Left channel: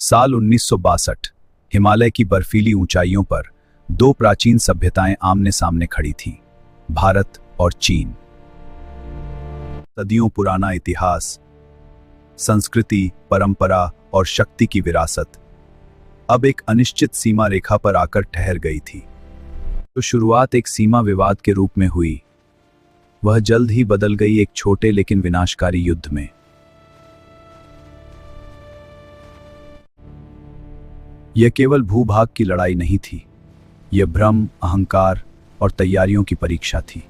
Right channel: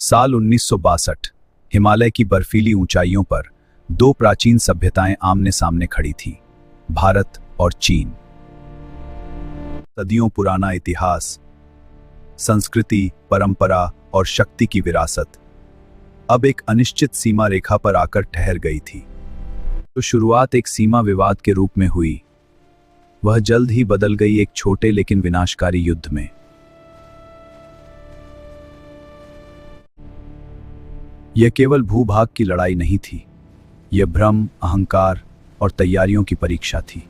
साल 1962। हिमालय की बर्फीली ऊंचाइयों पर दो प्राचीन सभ्यताएं आमने सामने खड़ी थीं, भारत और चीन। सदियों पुराना इतिहास, संस्कृति, परंपरा और शक्ति की विरासत अब एक अनिश्चित सीमा रेखा पर आकर ठहर गई थी। तो शुरुआत एक सीमा विवाद के रूप में हुई, वह जल्द ही बदल गई एक छोटे लेकिन विनाशकारी युद्ध में। यह केवल भूभाग की लड़ाई नहीं थी, यह भ्रम, अहंकार और तैयारियों की परीक्षा थी।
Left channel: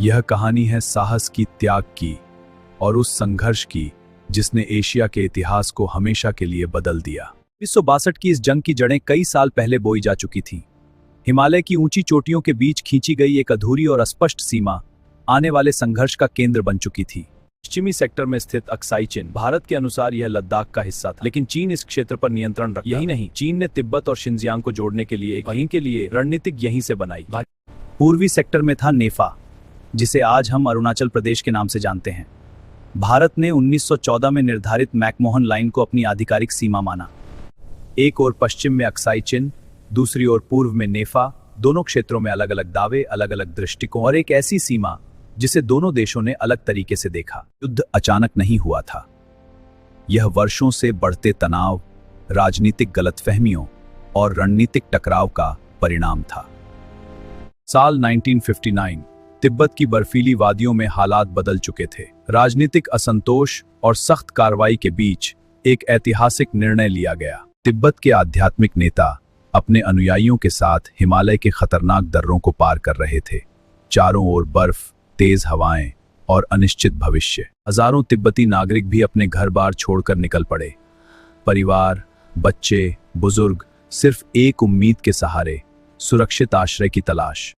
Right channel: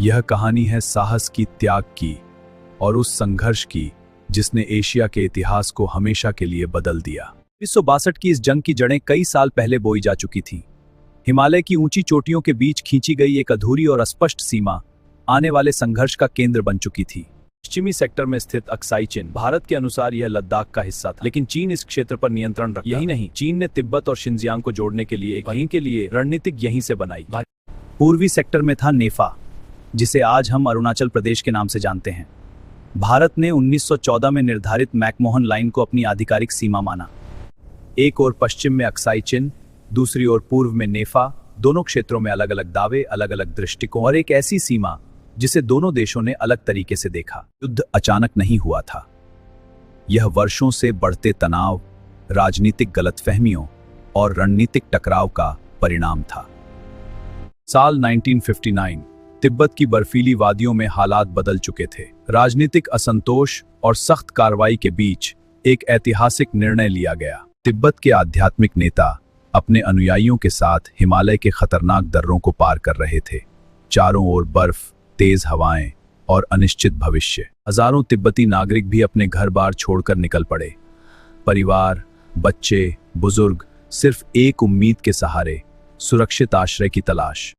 यह कहानी है साहस की, त्याग की और उस संघर्ष की जिसने एशिया के इतिहास को हमेशा के लिए बदल दिया। 1962 की इस जंग की जड़ें कई साल पहले बोई जा चुकी थीं। हिमालय की ऊंची चोटियों के बीच खींची गई एक अधूरी और अस्पष्ट सीमा आने वाले संघर्ष का केंद्र बन चुकी थी। पश्चिमी सेक्टर में स्थित अक्साई चिन, भारत के अनुसार यह लद्दाख का हिस्सा था, लेकिन चीन इस क्षेत्र पर नियंत्रण रखता। यही नहीं, चीन ने तिब्बत और शिनजियांग को जोड़ने के लिए वहीं के लिए रणनीतिक यहीं से बनाई। पूर्वी सेक्टर में था नेफा, जिसे आज हम अरुणाचल प्रदेश के नाम से जानते हैं। भारत ने 1914 में निर्धारित मैकमोहन लाइन को अपनी आधिकारिक सीमा माना। एक ओर पश्चिम में अक्साई चिन, दूसरी ओर पूर्व में नेफा। दोनों क्षेत्रों में अलग अलग दावे, अलग अलग दृष्टिकोण और एक ऐसी सीमा जिसे दोनों देशों ने अलग तरीके से देखा। युद्ध अचानक नहीं हुआ था, यह वर्षों से बढ़ते तनाव, राजनीतिक गलतफहमियों और रणनीतिक टकराव का परिणाम था। साल 1959। तिब्बत की बर्फीली वादियों में हालात बदल चुके थे। राजनीतिक असंतोष और सख्त कार्रवाई के बीच एक ऐतिहासिक निर्णय लिया गया। तिब्बत के आध्यात्मिक नेता अपने अनुयायियों के साथ हिमालय के खतरनाक दर्रों को पार कर रहे थे। चारों ओर बर्फ, तेज हवाएं और अनिश्चित भविष्य। हजारों तिब्बती नागरिक भी अपने घर बार छोड़कर निकल पड़े। परिवार, बच्चे, बुजुर्ग सिर्फ एक उम्मीद के सहारे, सुरक्षित आश्रय की तलाश।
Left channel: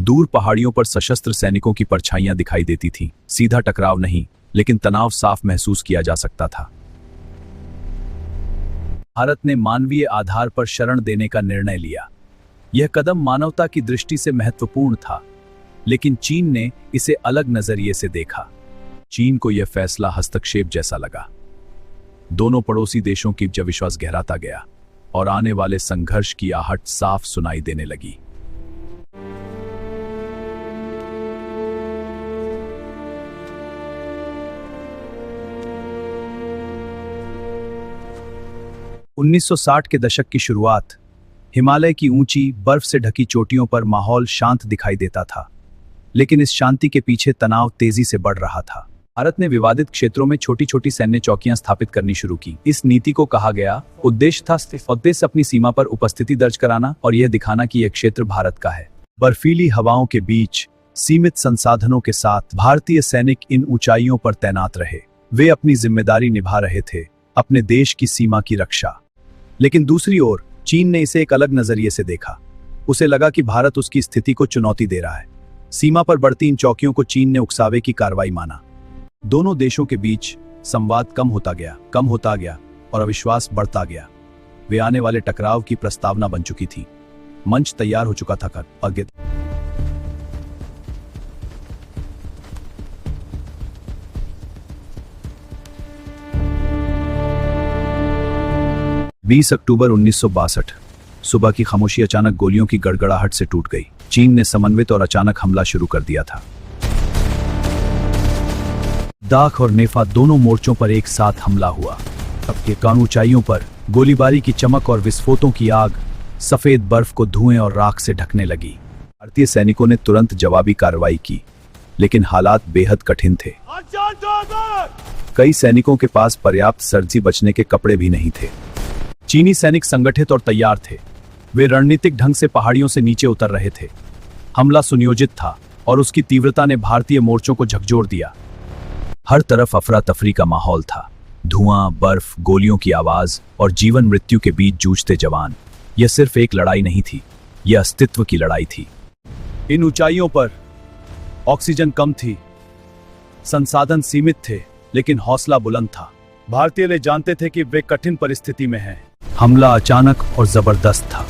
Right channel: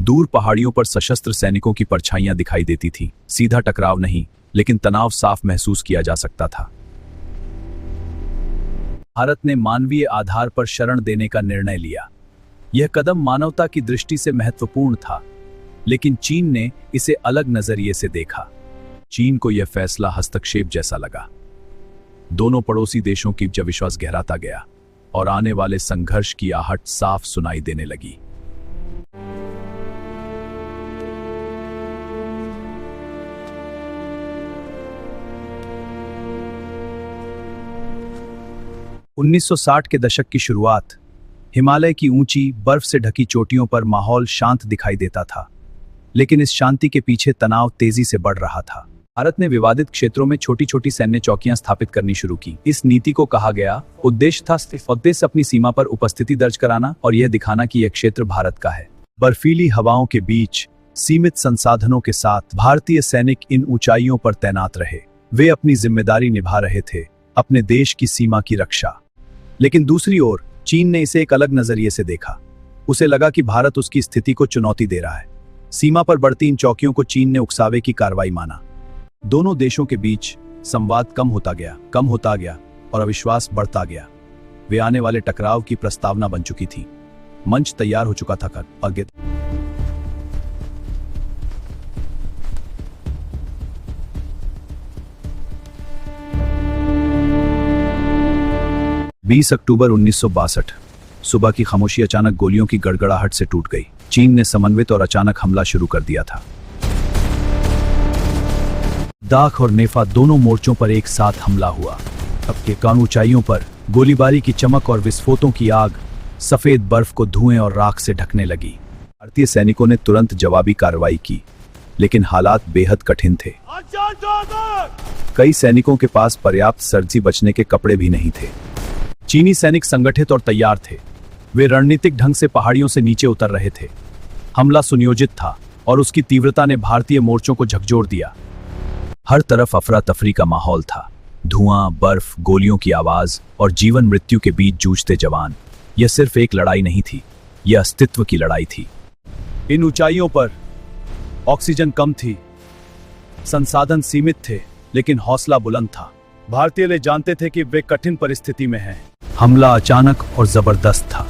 दूर पहाड़ियों पर सशस्त्र सैनिकों की परछाइयां दिखाई देती थीं। सीधा टकराव नहीं, लेकिन तनाव साफ महसूस किया जा सकता था। भारत ने मानवीय आधार पर शरण देने का निर्णय लिया। यह कदम मानवता की दृष्टि से महत्वपूर्ण था, लेकिन चीन ने इसे अलग नजरिए से देखा। चीन को यह फैसला हस्तक्षेप जैसा लगा। दोनों पड़ोसी देशों की विश्वास गहराता गया और आने वाले संघर्ष की आहट साफ सुनाई देने लगी। उन्नीस 1960 के दशक की शुरुआत। हिमालय की ऊंची, बर्फ से ढकी चोटियों पर माहौल शांत दिखाई देता था, लेकिन इस शांति के पीछे तनाव तेजी से बढ़ रहा था। भारत ने विवादित क्षेत्रों में छोटी छोटी सैन्य चौकियां स्थापित करनी शुरू की। इस नीति को कहा गया उद्देश्य अपनी सीमा पर उपस्थिति दर्ज कराना और यह दिखाना कि यह क्षेत्र भारत का है। बर्फीली हवाओं के बीच सीमित संसाधनों के साथ भारतीय सैनिक इन ऊंचाइयों पर तैनात रहे। वे अपनी जिम्मेदारी निभा रहे थे, अपने देश की सीमा की रक्षा। लेकिन दूसरी ओर चीन ने इसे एक अलग नजरिए से देखा। उसे लगा कि भारत उसकी स्थिति को चुनौती दे रहा है। सीमा पर बढ़ती इन चौकियों को चीन ने उकसावे की कार्रवाई माना। दोनों देशों के बीच संवाद कम होता गया और अविश्वास बढ़ता गया। वे आने वाले टकराव की प्रस्तावना बन चुकी थी। मंच तैयार हो चुका था। आगे 20 अक्टूबर 1962। सुबह की खामोशी अचानक गोलियों की गड़गड़ाहट से टूट गई। चीन ने समन्वित और अचानक हमला शुरू कर दिया था। दाख और नेफा दोनों मोर्चों पर एक साथ हमला हुआ। अब के कान ऊंचाइयों पर गोलीबारी की चमक और विस्फोटों की आग सफेद बर्फ को धुएं और राख से ढकने लगी। भारतीय सैनिकों ने तुरंत जवाबी कार्रवाई की, लेकिन हालात बेहद कठिन थे। कई सैनिकों के पास पर्याप्त सर्दी से बचने के कपड़े भी नहीं थे। चीनी सैनिक संगठित और तैयार थे। वे रणनीतिक ढंग से पहाड़ियों से नीचे उतर रहे थे। हमला सुनियोजित था और उसकी तीव्रता ने भारतीय मोर्चों को झकझोर दिया। हर तरफ अफरा तफरी का माहौल था। धुआं, बर्फ, गोलियों की आवाज और जीवन मृत्यु के बीच जूझते जवान। यह सिर्फ एक लड़ाई नहीं थी, यह अस्तित्व की लड़ाई थी। इन ऊंचाइयों पर ऑक्सीजन कम थी, संसाधन सीमित थे, लेकिन हौसला बुलंद था। भारतीय लोग जानते थे कि वे कठिन परिस्थिति में हैं। हमला अचानक और जबरदस्त था,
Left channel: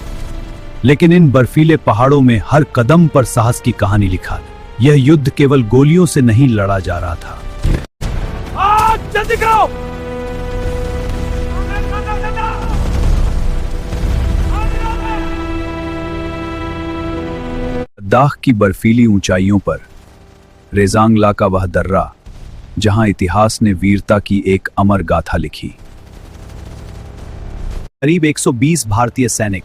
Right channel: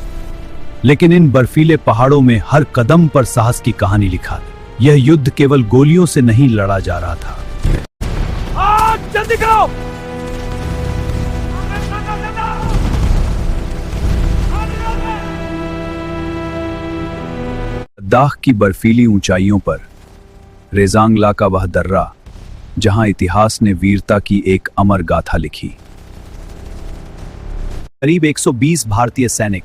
लेकिन इन बर्फीले पहाड़ों में हर कदम पर साहस की कहानी लिखा। यह युद्ध केवल गोलियों से नहीं लड़ा जा रहा था, जल्दी करो। लद्दाख की बर्फीली ऊंचाइयों पर रेजांगला का वह दर्रा जहां इतिहास ने वीरता की एक अमर गाथा लिखी। करीब 120 भारतीय सैनिक,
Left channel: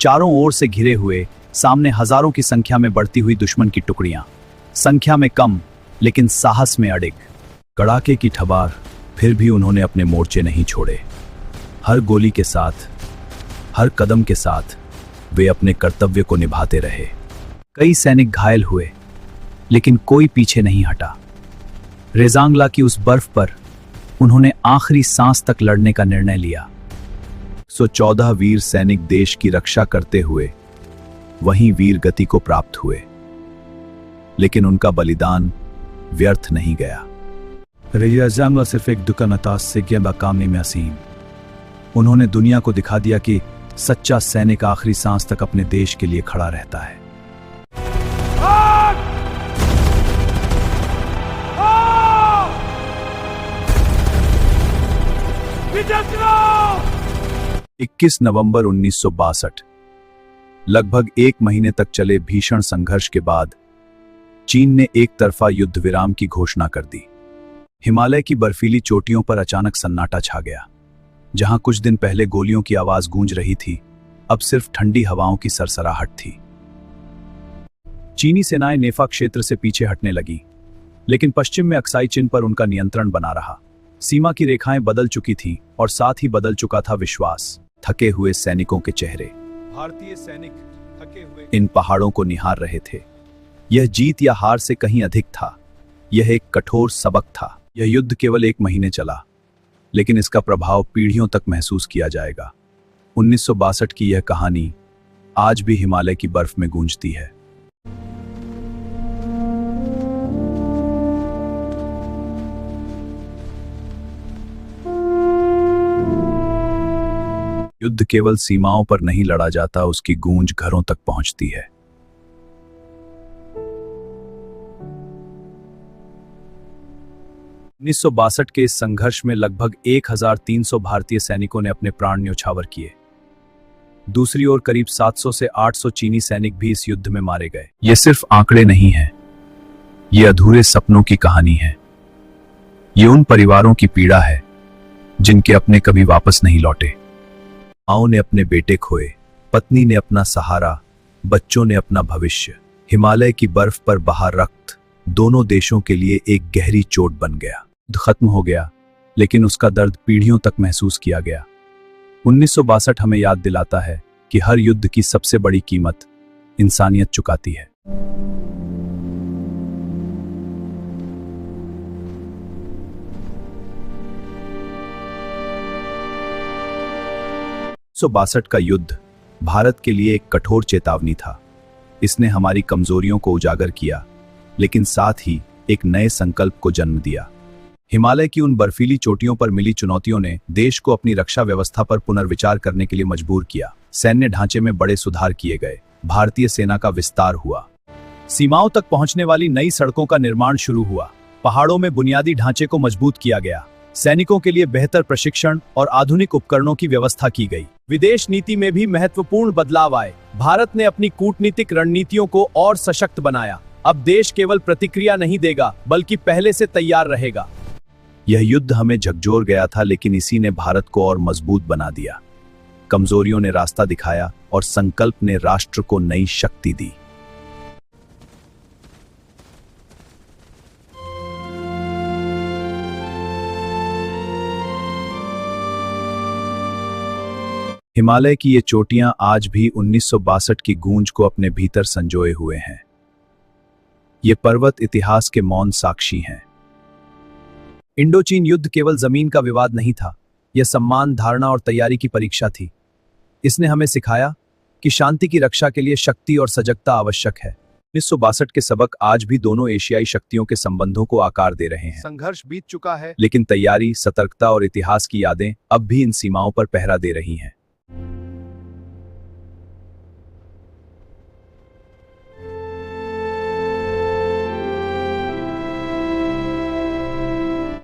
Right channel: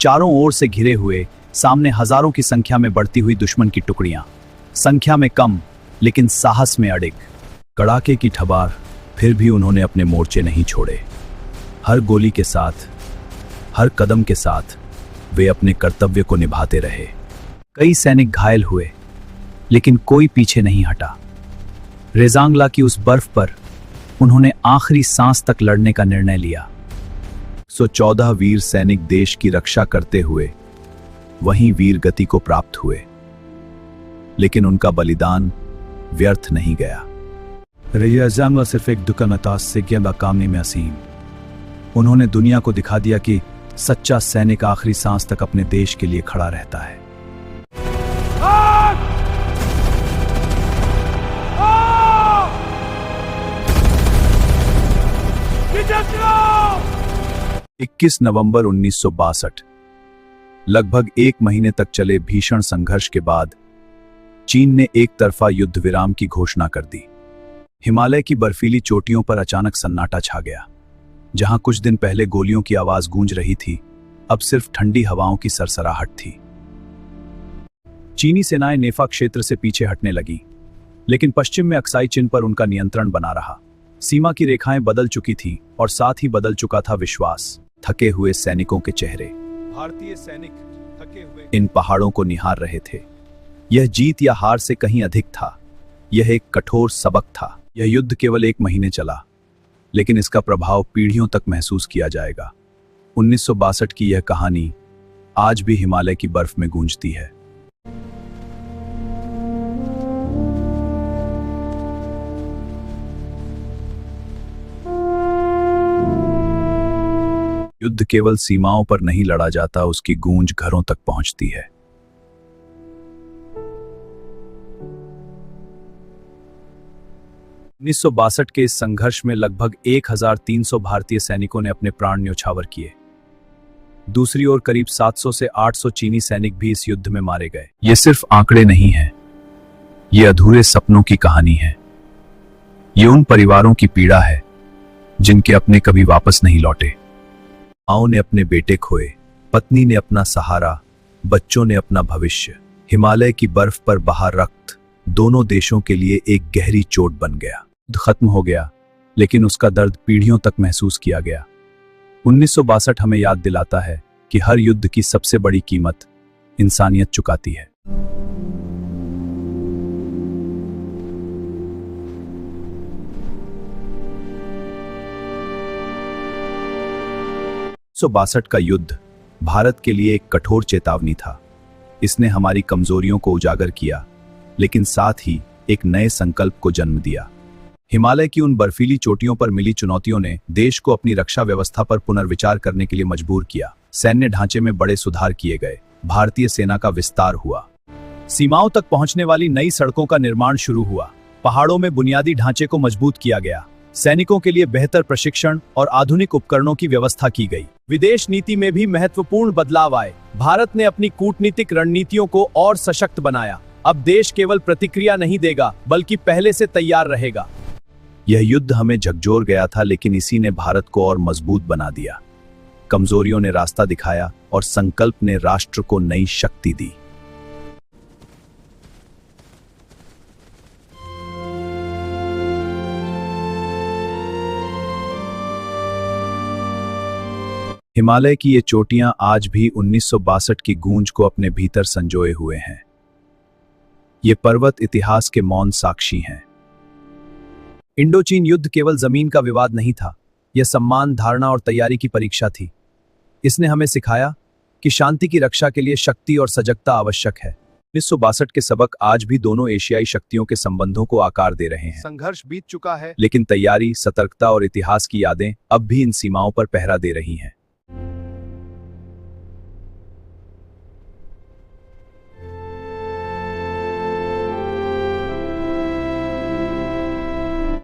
चारों ओर से घिरे हुए, सामने हजारों की संख्या में बढ़ती हुई दुश्मन की टुकड़ियां, संख्या में कम लेकिन साहस में अडिग। कड़ाके की ठबार, फिर भी उन्होंने अपने मोर्चे नहीं छोड़े। हर गोली के साथ, हर कदम के साथ वे अपने कर्तव्य को निभाते रहे। कई सैनिक घायल हुए लेकिन कोई पीछे नहीं हटा। रेजांगला की उस बर्फ पर उन्होंने आखिरी सांस तक लड़ने का निर्णय लिया। 114 वीर सैनिक देश की रक्षा करते हुए वहीं वीर गति को प्राप्त हुए, लेकिन उनका बलिदान व्यर्थ नहीं गया। रेजांगला सिर्फ एक दुकानदार से गेंदा कामने में असीम। उन्होंने दुनिया को दिखा दिया कि सच्चा सैनिक आखिरी सांस तक अपने देश के लिए खड़ा रहता है। 21 नवंबर 1962, लगभग एक महीने तक चले भीषण संघर्ष के बाद चीन ने एक तरफा युद्ध विराम की घोषणा कर दी। हिमालय की बर्फीली चोटियों पर अचानक सन्नाटा छा गया। जहां कुछ दिन पहले गोलियों की आवाज गूंज रही थी, अब सिर्फ ठंडी हवाओं की सरसराहट थी। चीनी सेनाएं नेफा क्षेत्र से पीछे हटने लगी, लेकिन पश्चिम में अक्साई चिन पर उनका नियंत्रण बना रहा। सीमा की रेखाएं बदल चुकी थीं और साथ ही बदल चुका था विश्वास। थके हुए सैनिकों के चेहरे, भारतीय सैनिक थके हुए इन पहाड़ों को निहार रहे थे। यह जीत या हार से कहीं अधिक था। यह एक कठोर सबक था। यह युद्ध केवल एक महीने चला, लेकिन इसका प्रभाव पीढ़ियों तक महसूस किया जाएगा। 1962 की यह कहानी आज भी हिमालय की बर्फ में गूंजती है। युद्ध केवल सीमाओं पर नहीं लड़ा जाता, उसकी गूंज घरों तक पहुंचती है। 1962 के इस संघर्ष में लगभग 1300 भारतीय सैनिकों ने अपने प्राण न्यौछावर किए। दूसरी ओर करीब 700 से 800 चीनी सैनिक भी इस युद्ध में मारे गए। यह सिर्फ आंकड़े नहीं हैं, ये अधूरे सपनों की कहानी है। ये उन परिवारों की पीड़ा है जिनके अपने कभी वापस नहीं लौटे। माओ ने अपने बेटे खोए, पत्नी ने अपना सहारा, बच्चों ने अपना भविष्य। हिमालय की बर्फ पर बहा रक्त दोनों देशों के लिए एक गहरी चोट बन गया। युद्ध खत्म हो गया, लेकिन उसका दर्द पीढ़ियों तक महसूस किया गया। 1962 हमें याद दिलाता है कि हर युद्ध की सबसे बड़ी कीमत इंसानियत चुकाती है। 1962 का युद्ध भारत के लिए एक कठोर चेतावनी था। इसने हमारी कमजोरियों को उजागर किया, लेकिन साथ ही एक नए संकल्प को जन्म दिया। हिमालय की उन बर्फीली चोटियों पर मिली चुनौतियों ने देश को अपनी रक्षा व्यवस्था पर पुनर्विचार करने के लिए मजबूर किया। सैन्य ढांचे में बड़े सुधार किए गए, भारतीय सेना का विस्तार हुआ, सीमाओं तक पहुंचने वाली नई सड़कों का निर्माण शुरू हुआ, पहाड़ों में बुनियादी ढांचे को मजबूत किया गया, सैनिकों के लिए बेहतर प्रशिक्षण और आधुनिक उपकरणों की व्यवस्था की गई। विदेश नीति में भी महत्वपूर्ण बदलाव आए। भारत ने अपनी कूटनीतिक रणनीतियों को और सशक्त बनाया। अब देश केवल प्रतिक्रिया नहीं देगा, बल्कि पहले से तैयार रहेगा। यह युद्ध हमें झकझोर गया था, लेकिन इसी ने भारत को और मजबूत बना दिया। कमजोरियों ने रास्ता दिखाया और संकल्प ने राष्ट्र को नई शक्ति दी। हिमालय की ये चोटियां आज भी 1962 की गूंज को अपने भीतर संजोए हुए हैं। ये पर्वत इतिहास के मौन साक्षी हैं। इंडो चीन युद्ध केवल जमीन का विवाद नहीं था, यह सम्मान, धारणा और तैयारी की परीक्षा थी। इसने हमें सिखाया कि शांति की रक्षा के लिए शक्ति और सजगता आवश्यक है। 1962 के सबक आज भी दोनों एशियाई शक्तियों के संबंधों को आकार दे रहे हैं। संघर्ष बीत चुका है, लेकिन तैयारी, सतर्कता और इतिहास की यादें अब भी इन सीमाओं पर पहरा दे रही हैं।